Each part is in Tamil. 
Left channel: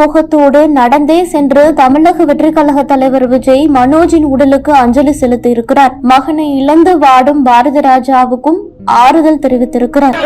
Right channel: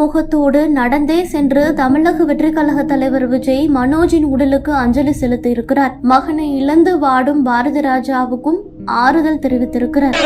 முகத்தோடு நடந்தே சென்று தமிழக வெற்றிக் கழக தலைவர் விஜய் மனோஜின் உடலுக்கு அஞ்சலி செலுத்தி இருக்கிறார். மகனை இழந்து வாடும் பாரதி ராஜாவுக்கும் ஆறுதல் தெரிவித்திருக்கிறார்.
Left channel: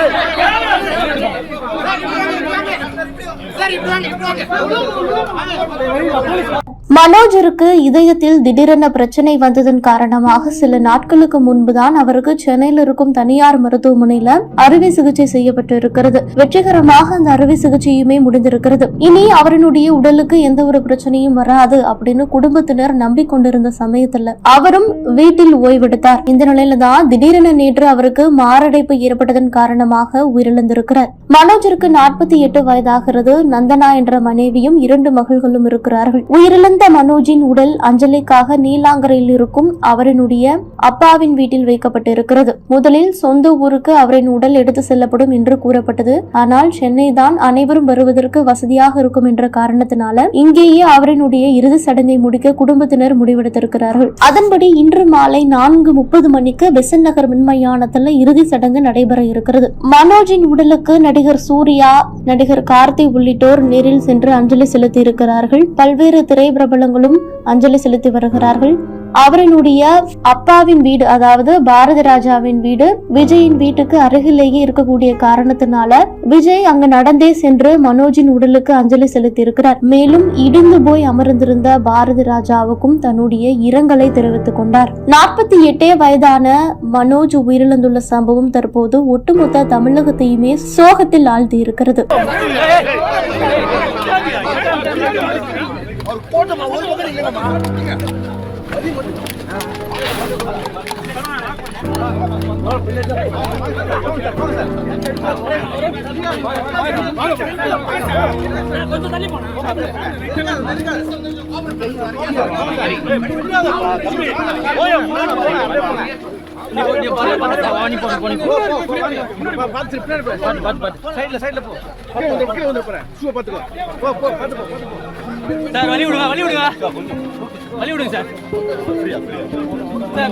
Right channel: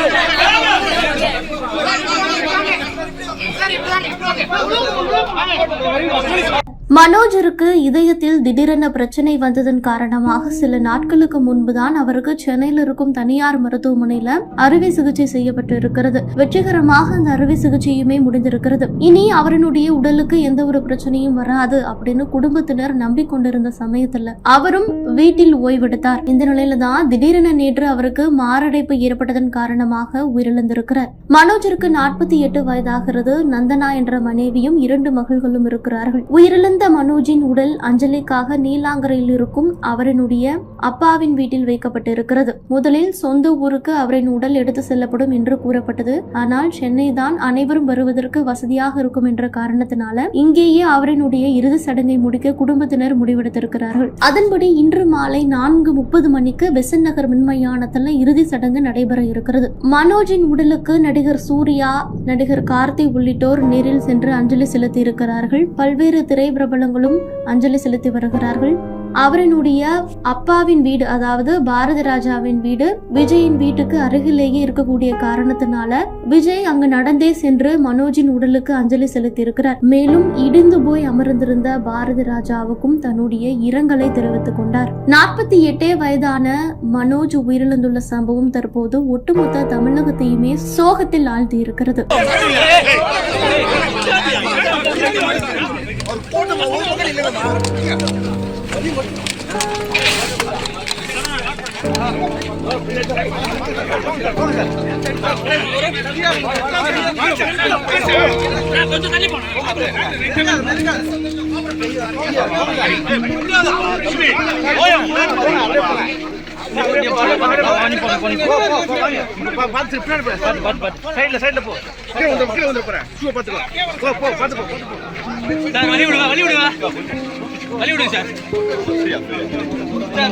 மனோஜருக்கு இதயத்தில் திடீரென பிரச்சனை வந்ததன் காரணமாக சில நாட்களுக்கு முன்புதான் அவருக்கு சென்னையில் இருக்கும் தனியார் மருத்துவமனையில அறுவை சிகிச்சை செய்யப்பட்டு இருக்கிறது. வெற்றிகரமாக அந்த அறுவை சிகிச்சையுமே முடிந்திருக்கிறது. இனி அவருடைய உடலுக்கு எந்த ஒரு பிரச்சனையும் வராது அப்படின்னு குடும்பத்தினர் நம்பிக்கொண்டிருந்த சமயத்துல அவரும் வீட்டில் ஓய்வெடுத்தார். இந்த நிலையில தான் திடீரென நேற்று அவருக்கு மாரடைப்பு ஏற்பட்டதன் காரணமாக உயிரிழந்திருக்கிறார். மனோஜருக்கு 48 வயதாகிறது. நந்தனா என்ற மனைவியும் 2 மகள்களும் இருக்கிறார்கள். உயிரிழந்த மனோஜின் உடல் அஞ்சலிக்காக நீலாங்கரையில் இருக்கும் அவரினுடைய அப்பாவின் வீட்டில் வைக்கப்பட்டிருக்கிறது. முதலில் சொந்த ஊருக்கு அவரின் உடல் எடுத்து செல்லப்படும் என்று கூறப்பட்டது. ஆனால் சென்னை தான் அனைவரும் வருவதற்கு வசதியாக இருக்கும் என்ற காரணத்தினால இங்கேயே அவரினுடைய இறுதி சடங்கை முடிக்க குடும்பத்தினர் முடிவெடுத்திருக்கிறார்கள். அதன்படி இன்று மாலை 4:30 மணிக்கு பெசன்ட் நகர் மின்மயானத்தில் இறுதி சடங்கு நடைபெற இருக்கிறது. மனோஜின் உடலுக்கு நடிகர் சூர்யா, நடிகர் கார்த்தி உள்ளிட்டோர் நேரில் சென்று அஞ்சலி செலுத்தி இருக்கிறார்கள். பல்வேறு திரைப்பிரபலங்களும் அஞ்சலி செலுத்தி வருகிறார்கள். அவரினுடைய அப்பாவின் வீடு, அதாவது பாரதி ராஜாவின் வீடு விஜயின் வீட்டுக்கு அருகிலேயே இருக்கக்கூடிய காரணத்தினால விஜய் அங்கு நடந்தே சென்று மனோஜின் உடலுக்கு அஞ்சலி செலுத்தி இருக்கிறார். மேலும் இடிந்து போய் அமர்ந்திருந்த பாரதி ராஜாவுக்கும் தன்னுடைய இரங்கலை தெரிவித்துக் கொண்டார். 48 வயதான மனோஜ் உயிரிழந்துள்ள சம்பவம் தற்போது ஒட்டுமொத்த தமிழகத்தையுமே சோகத்தில் ஆழ்த்தி இருக்கிறது. கொஞ்சம் தள்ளி போனா சார் வழி விடுங்க வழி விடுங்க வழி விடுங்க சார்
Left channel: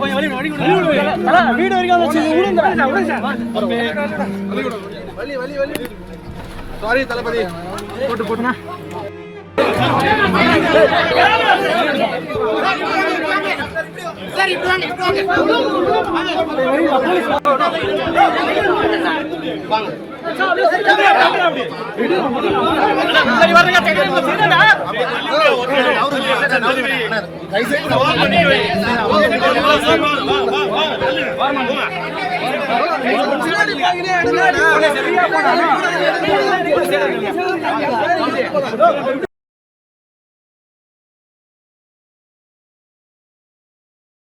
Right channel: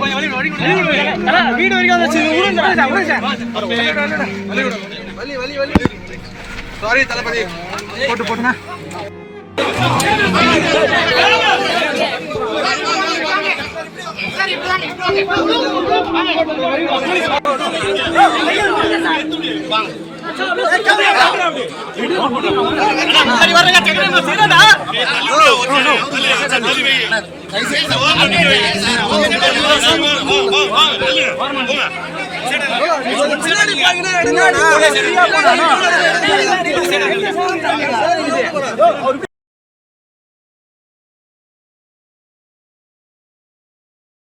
கொஞ்சம் வழி விடுங்க வீடு வரைக்கும் சாரி தளபதி போட்டு போட்டுனா